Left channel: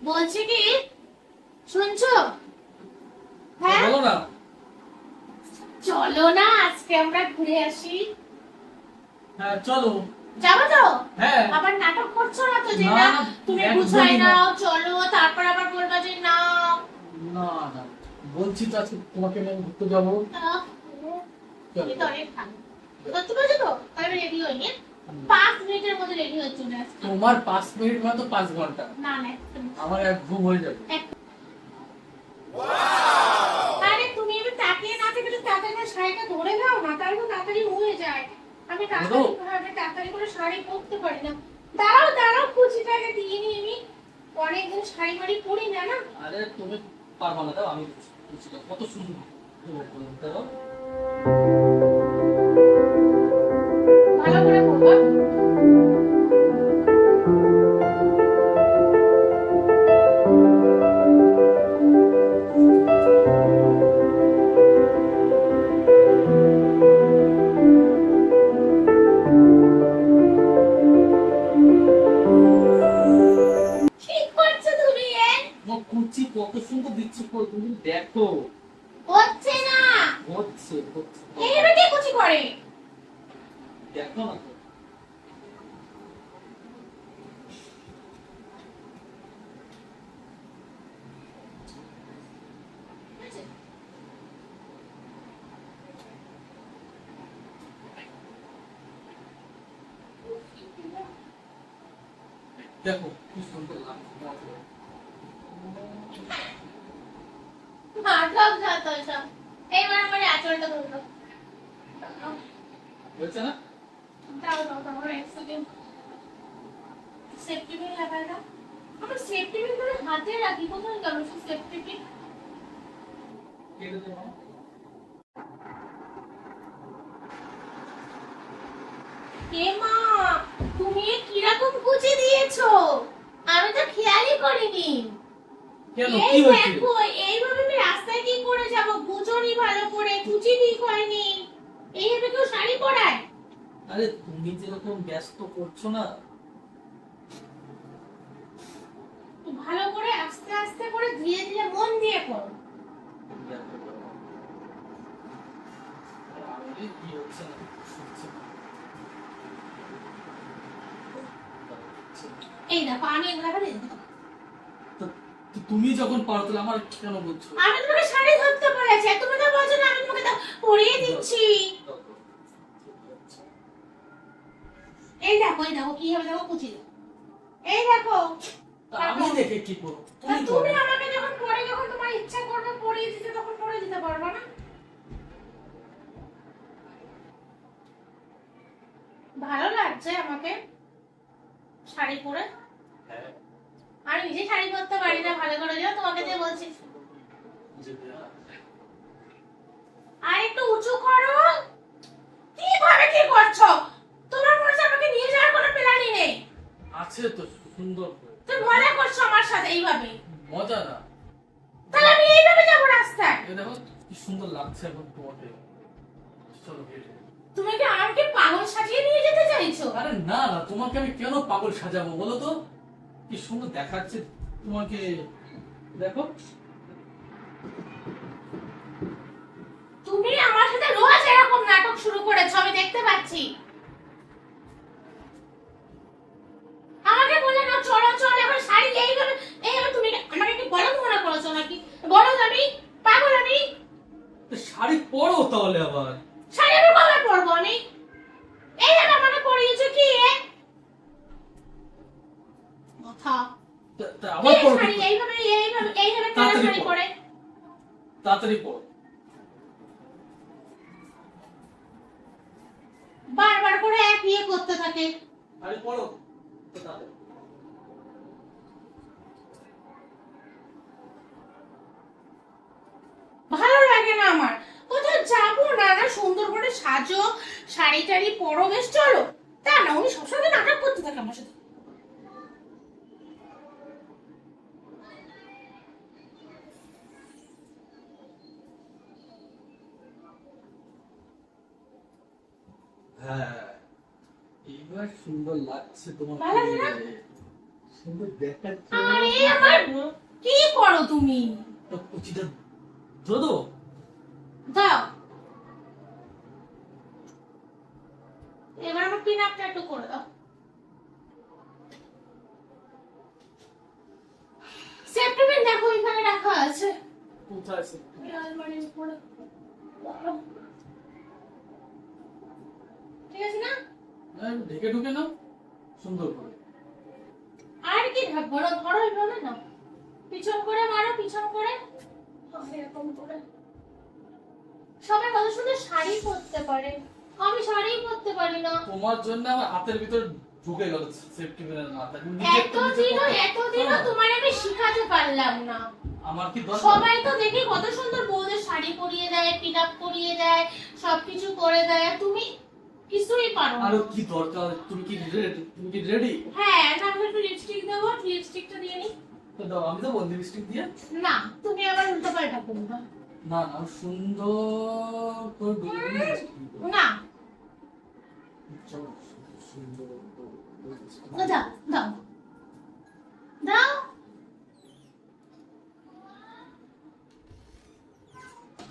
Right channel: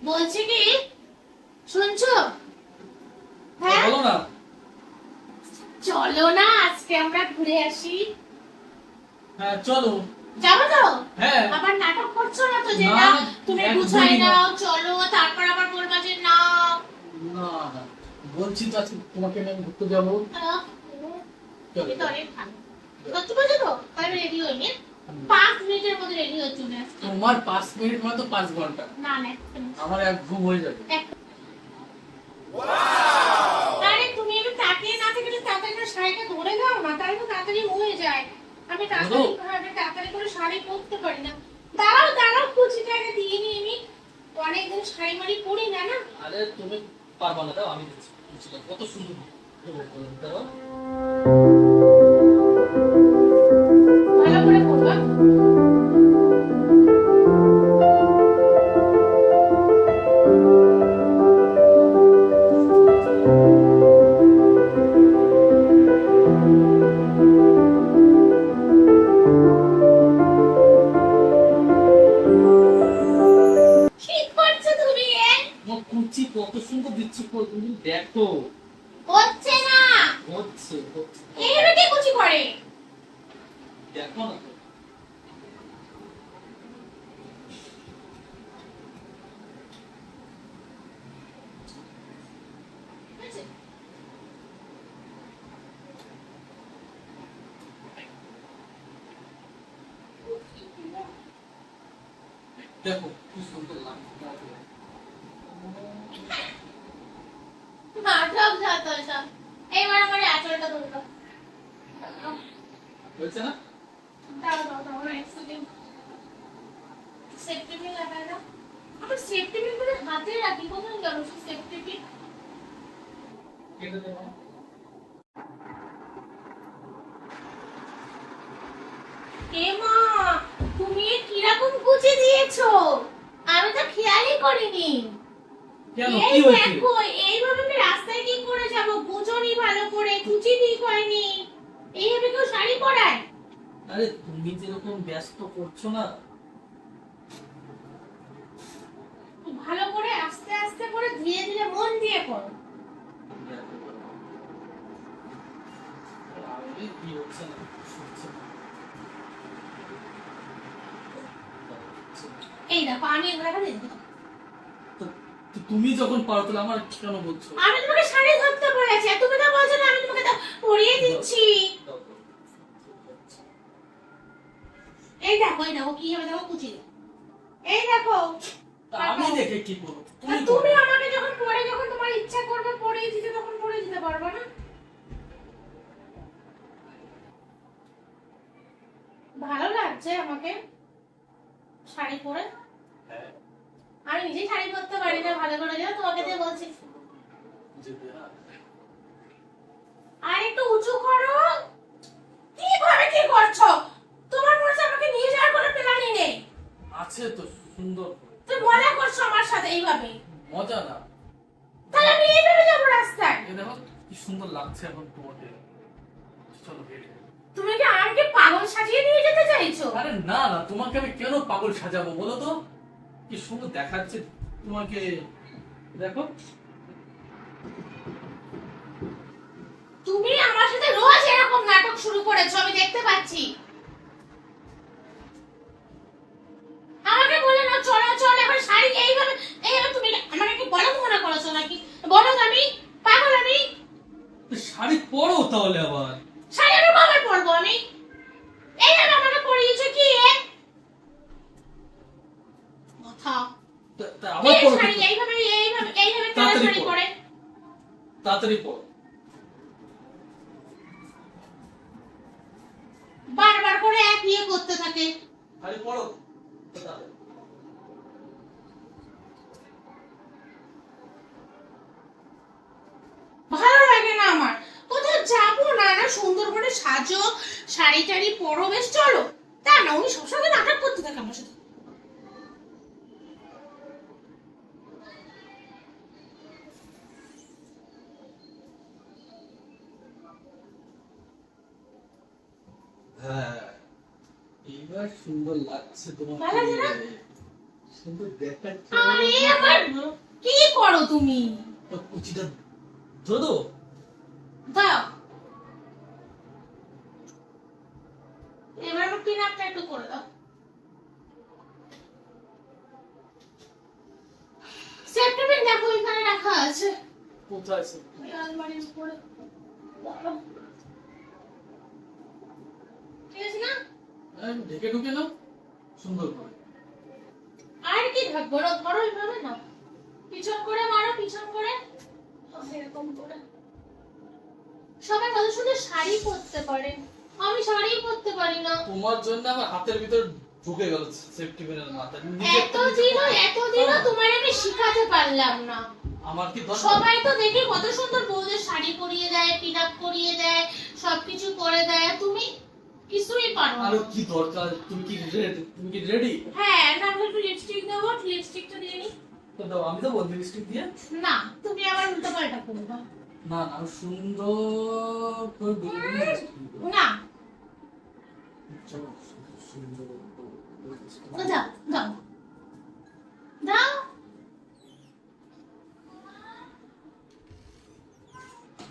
বলছি কি? শুনছো? হ্যাঁ? বলো না। চলো না আজকে আমরা ঘুরে আসি। হ্যাঁ চলো। যাব তো? হ্যাঁ। আবার নাটক করছ না তো যে না, তুমি না। নাও চলো তারপর আবার বলবা যে না। না না বলছি তো আজকে তোমাকে নিয়ে আমি ঘুরতে যাব। আহ, চলো। এই তো অনেক। সত্যি বলছো তো? তাহলে রেডি হইনি পাঁচ মিনিটের মধ্যে রেডি হয়ে চলে আসছি। তোমার পাঁচ মিনিট মানে তো পাঁচ ঘণ্টা। না না আমার এক ঘুম হয়ে যাবে। আরে তুমি আমি তাকিয়ে না থেকে তাড়াতাড়ি করে শাড়িটা ধরে দাও না তাহলে তো তাড়াতাড়ি হয়ে যায়। আমি তাড়াতাড়ি করে শাড়ি পরতে পারি না। দাঁড়াও দাঁড়াও কুচিটাকে দিয়ে নি আমি অনেকদিন শাড়ি মাড়ি পরি না না? আরে তুমি পারবা না দাও আমি দিচ্ছি কত সুন্দর। দাও তো। দেখো কি সুন্দর লাগছে এইবার আমার আঁচলটা ধরলো হয়েছে না দাঁড়াও দাঁড়াও দাঁড়াও এক সেকেন্ড সেফটি পিন লাগাই না আমার সেফটি পিন করে হাতে রাখি কোথাও গেল সেই সেফটি পিন কেটে দেবো কে মা তুমি কীরকম কুচি দিয়েছ আমি তো খেয়ালই করিনি কেন কি হয়েছে? দেখো এইভাবে আমি রাস্তায় কি করে যাব? বুঝোনি ভালো করে কুচি ঠিক হয়নি এইভাবে কেউ শাড়ি পরায়? আরে তুমি যেরকম ব্যস্ত করছ না। ভালো করে আস্তে আস্তে করে ধীরে ধীরে মন দিয়ে করো। এই দেখো আমি এগুলো তুমি যখন পারো তাহলে আমার কেন বলছো? আমি তোমাকে শাড়ি ধরতে বলেছি তুমি তো বলছো না আমি তোমাকে তো পরিয়ে দিচ্ছি এই দেখো এই দেখো কি হবে দেখো কুচি এই দেখো। আমি দেখে। কি করব? তুমি আমাকে যখন পরে যখন তোমার ইচ্ছা করবে পরিয়ে দিতে তখন পরে দিতে পারব না। ভালো লাগছে আমাকে শাড়ি পরে। হ্যাঁ, আমি নিজেই শাড়ি পরতে পারি না ভালো করে। জানো তোমাকে যে বলছি। আর একটু উঁচু করো। কীভাবে কি করছ? তোমার মনে আমাকে নিয়ে যাওয়ার কোনো প্ল্যানই নেই। আছে তো সুন্দর তুমি মজা করছ আমার সাথে এইভাবে। মজা না। তাহলে আমি এইভাবে যাব রাস্তায়। এ দেখো কি সুন্দর লাগছে এখন তোমাকে। চলো বের তুমি কি আমাকে পাগল সাজিয়ে নিয়ে যেতে চাইছো? আরে না না তোমাকে আমি কেন পাগল সাজাবো বলো তো? কি সুন্দর দেখাচ্ছে তোমাকে। দেখো। তুমি আমার সাথে রোজ এরকম নাটক শুরু করেছ আমি দেখতে পাচ্ছি। তাহলে আবার? শাড়ি আমি কবে পরবো আমি? এইভাবে আমাকে পরিয়েছো কি এ? কথা তা- তা কি আবার পরো শাড়ি কিন্তু। এইভাবে এইভাবে এইভাবে কেন তাড়াতাড়ি শাড়ি পরে। তাড়াতাড়ি পরো বারবার করে এক ইয়ে করতে থাকে। পরো তাড়াতাড়ি। ভালো লাগে না আমার। কোথাও যাব না না সুন্দর করে সাজো শাড়ি টাড়ি পরো বেশ চলো। তা না উনি সবসময় নাটক করতে থাকে আমার সাথে। হ্যাঁ এইবার সুন্দর লাগছে তোমাকে ভালো লাগছে না? সুন্দর দেখাচ্ছে। আরে আমার কি করো তুমি? কুচিটা ধরে দাও। এবার আমার পিন আপটা একটু করে দাও। সেফটি পিন দেখো এখানে রাখা আছে। কোথায় আছে আলমারির উপরে। ঠিক আছে না? হ্যাঁ, ঢেকে ঢুকে নাও। সুন্দর করে। আর কি না ধরো এইভাবে না পিছন করে মারো পিছন করে। এরকম করে। সবাই কত সুন্দর শাড়ি পরতে পারে। আমি শাড়ি পরতে পারি না। তোমার জন্য আমার হাতের ভিতর ঢুকে গেল সেফটি পিনের মাথা। নিজের তো নিজে এতদিনও করো। এতদিনও তোমার আমি শিখাতে পারলাম না। আমার কি দরকার? সবাই তো দেখি কত সুন্দর বউদের শাড়ি পরিয়ে দেয় পিন আপ করিয়ে দেয় সবকিছু করে দেয়। তুমি কিছুই পারো না। আরও কি দরকার? তুমি কি রেডি তুমি কি রেডি হ্যাঁ না আমি একটু লিপস্টিক দেবো। লিপস্টিকটা দিয়ে নি। তো দাও আমি তো দেবো লিপস্টিক দিয়ে না তুমি আবার উল্টো পাল্টা করবে। না না সুন্দর করে। না সুন্দর দাও দাও। দাও।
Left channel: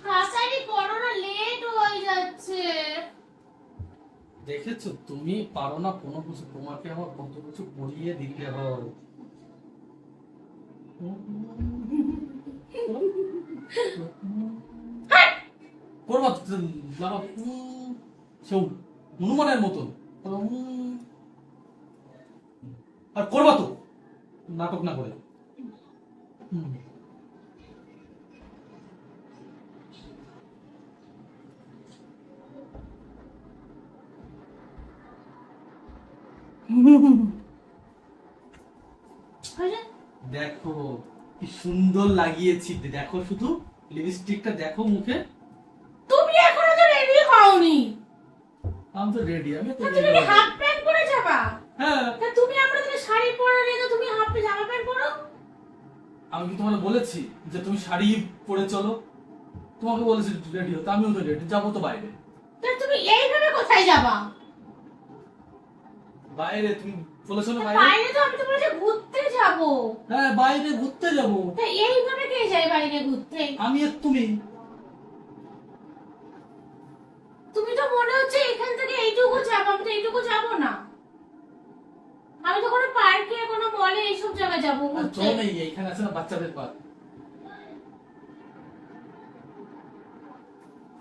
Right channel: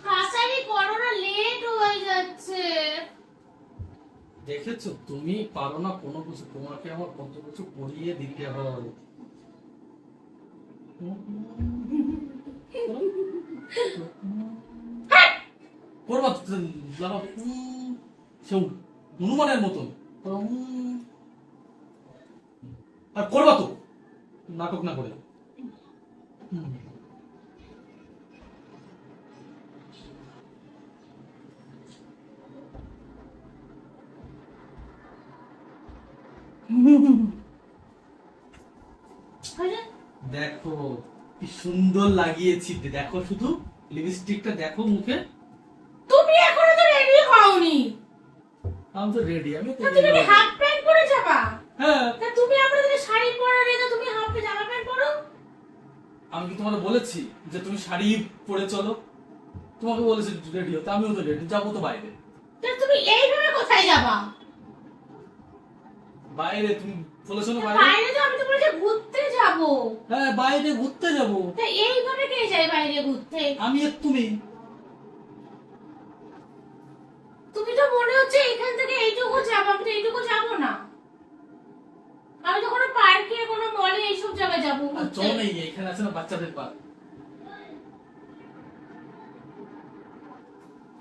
তাড়াতাড়ি করো না লেট হয়ে যাচ্ছে। দেখেছ তুমি পারো না কোনো কিছু তোমাকে আমার কত কিছু করিয়ে দিতে হয়। করবা যারা, সেও হনুমানের মতন আর করবা তো নাটক না করে হুম। হয়ে দেখো কি সুন্দর লাগিয়েছি। দেখো শুধু লিপস্টিকটা দেখো মুখে। তুমি এখনও তো রেডি হওনি। আমি তো রেডি আমি তো তুমি হাফ প্যান্ট পরে যাবা? হ্যাঁ। তা তুমি আমরা যদি শাড়ি পরে রেখে তুমি হাফ জামা প্যান্ট পরো? আমি কি তোমাকে বলেছি যে তুমি শাড়ি পরে চলো? তোমাকে বলেছি রেডি হতে আমিও তো রেডি যাব তো বাইরে। তা তুমি এইভাবে কোথায় যাবা? বাইরে তুমি বলেছ না বাইরে তো আমি তো বলেছি ঘুরতে যাব। হ্যাঁ বাইরে ঘুরতে যাব। তা এইভাবে কে যায় বাইরে ঘুরতে? আমি আর তুমি। তুমি তো মনে হচ্ছে এখান থেকে এইটুকু যাব আমি তো এইটুকু যাব না। আমি তো কোনো পার্কে কোনো মলে এইসব জায়গায় যাব ঘুরতে। চলো নেই এখানে আছে না বাচ্চাদের পার্ক।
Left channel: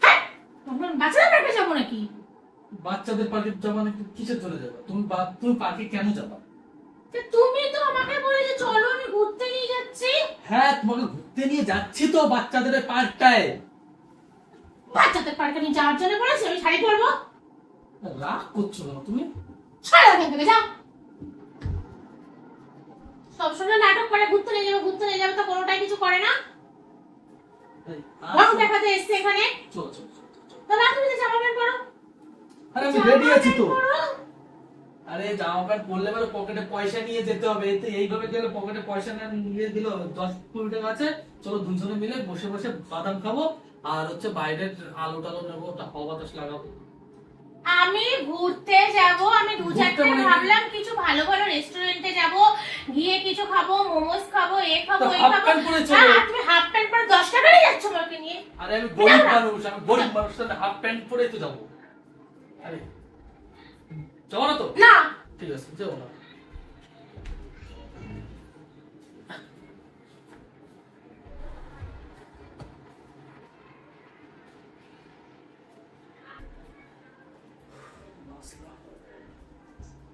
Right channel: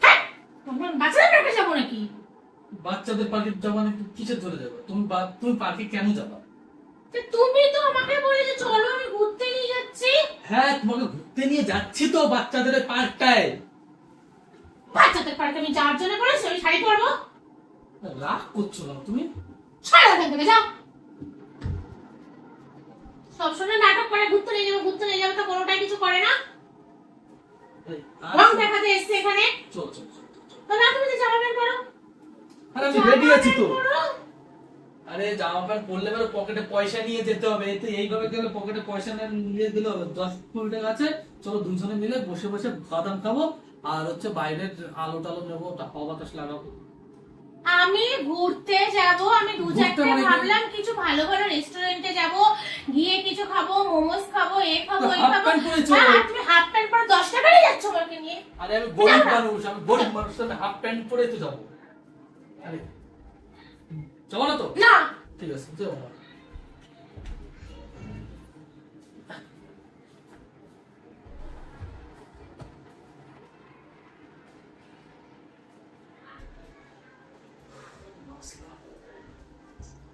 হ্যাঁ! বাচ্চাদের পার্কে যাব নাকি? বাচ্চাদের পার্কে যাব কিসের ধরে যাবে? তুমি বা- তুমি পার্কে কেন যাবা? তা তুমি তো আমাকে বলে যে চলো আমি ঘুরতে নিয়ে যাচ্ছি। হ্যাঁ তোমাকে ঘুরতে নিয়ে যাচ্ছি তো বাচ্চাদের পার্কটায়। বাচ্চাদের পার্কে আমি যাওয়ার জন্য বলেছি আমি শাড়ি পরবো। রাগ করছ কেন তুমি? ছাড়ো এখান থেকে যাও। সবসময় নাটক করে ঘুরতে নিয়ে যাব ঘুরতে নিয়ে যাব তো কোনোটাই কিছু করে না। রং। দেখাতে এসছে এখানে। চল চল চল, চল। তুমি জামা প্যান্ট পরো। আরে আমি রেডি আছি তো। আরে জামা প্যান্ট পরলে পরে পকেটে পয়সা নিয়ে যেতে হবে। এতে এইভাবে গেলে পকেটে পয়সা না নিয়ে দিলে। দশ কুড়ি টাকা আছে। চলো দুজনে মিলে বসে বসে বাদাম খাব। আর হচ্ছে বাইরের আলো টালো নেব হাওয়া বাতাস লাগাবো। আমি ঘুরতে যাব। আমি দু চারটে মানে ভাবলাম কিছু ভালো ভালো রেস্টুরেন্টে যাব। গিয়ে কিছু খাব মোমোস খাব এ খাব তো এই হাফ খাব পরে তুমি হাফ প্যান্ট পরে দশটা বেড়ে যাচ্ছ আমাকে নিয়ে? আরে আমি গরিব মানুষ আমি গরিব মানুষ তো হাফ প্যান্ট পরেই তো যাব। আরে যাব না তো? না। ঠিক আছে যাব না।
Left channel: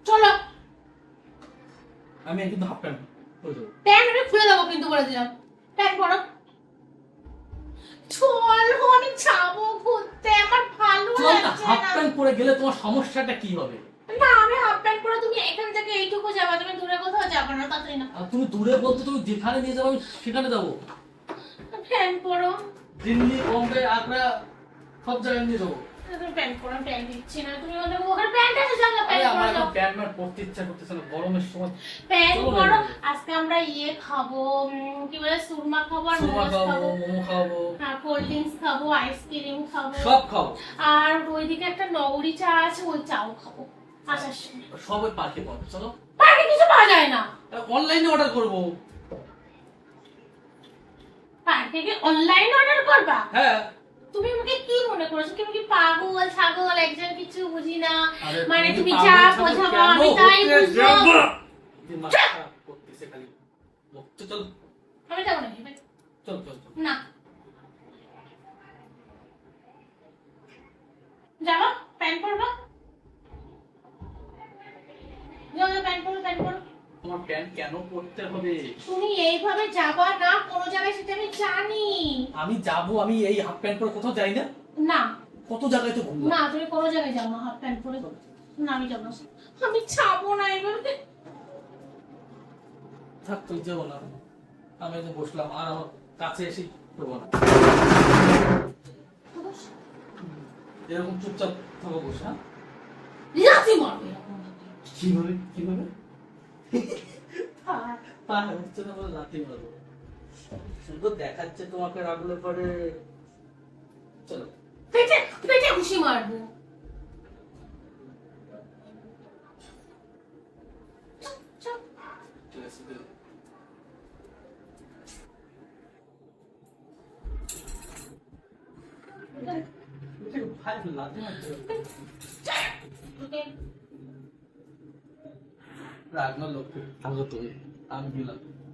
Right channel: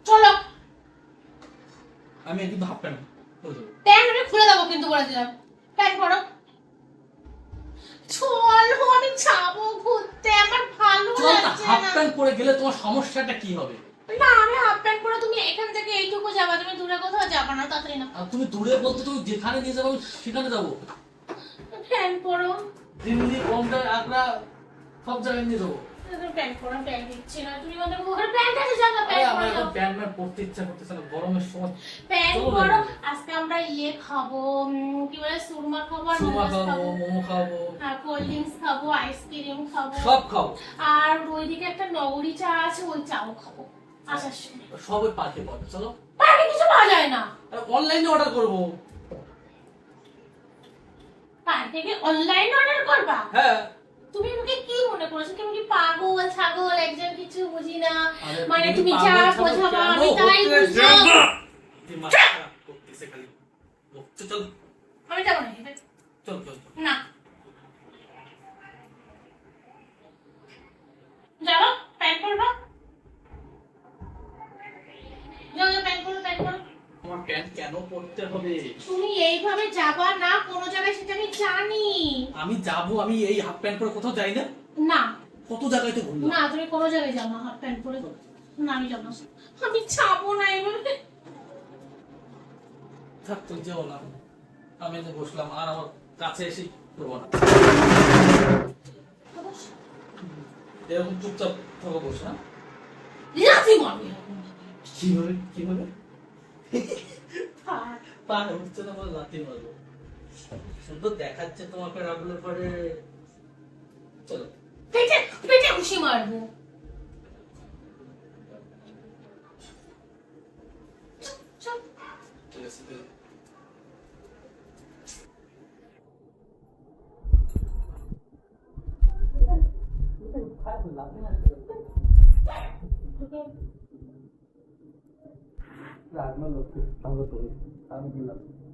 চলো। আমি কিন্তু হাফ প্যান্ট পরে যাব। প্যান্ট খুলে দেবো কিন্তু বলে দিলাম গেলে তোমার সমস্যাটা কি হবে? না আমি হাফ প্যান্ট পরে তুমি এখান থেকে এইটুকু যাবা তুমি দূরে কোথাও যাবে না তাড়াতাড়ি না আর তুমি দূরে বলতে তুমি যেখানে নিয়ে যাব আমি সেখানে যাব। প্যান্ট পরো। দিল্লি বোম্বে আগ্রা সব জায়গায় নিয়ে যাব। প্যান্ট পরো প্যান্ট দিচ্ছি না। তুমি আমাদের ওখানে প্যান্ট আছে জায়গা আরে প্যান্ট আমার প্যান্ট ম্যান্ট পরতে ইচ্ছা করতেছে না গরমের সময় প্যান্ট পরো আজকে আমরা ইয়ে খাব কি বলে সুরমা খাব আর সুরমা খাব খাব। মোমো খাব। আর কোল্ড ড্রিঙ্কস খাব আইসক্রিম খাব। সব খাব। আর ওইদিকে একটা নগরী চা আছে ওই চাও খাব আসার সময়। সবই পার্কে পাবো চলো। পার্কে কিছু পাওয়া যায় না। অনলাইনে অর্ডার করব। পায়ের থেকে অনলাইন অর্ডার করবা? হ্যাঁ। তুমি আমাকে কি মনে করছ? কি পাগল ছাগল একজন কিছু বুঝি না। মানে তুমি যা বোঝাবো আমি তাই বুঝব। চল। আমি যাব না। চল চল। না। যাব? প্যান্ট পরবা? যাও যাও প্যান্ট পরো প্যান্ট পরো। আমার প্যান্ট কেন পরতে হবে? তুমি এইভাবে যাবা না কোনো জায়গায় সেটা আমি জানি। আমি যাব আমি এই হাফ প্যান্ট পরে কোথাও যাই না? না। কত জায়গায় তো ঘুরলাম? না তুমি কোনো জায়গায় যাও না হাফ প্যান্ট পরে। না আমি যাব না। আমি যাব না এইভাবে থাক তুই যেও না। আমি যে বসলাম আর আমার কাছে এসে করব না। এরকম চুপচাপ থাকো বসে হ্যাঁ? কি হবে কি হবে। পা হচ্ছে না বলে লাথি মারবো শুধু দেখাচ্ছে তোমাকে রাখলে পরে চলো পেটে পেটে ঘুষি মারবো চল, চল। ঠিক আছে ঠিক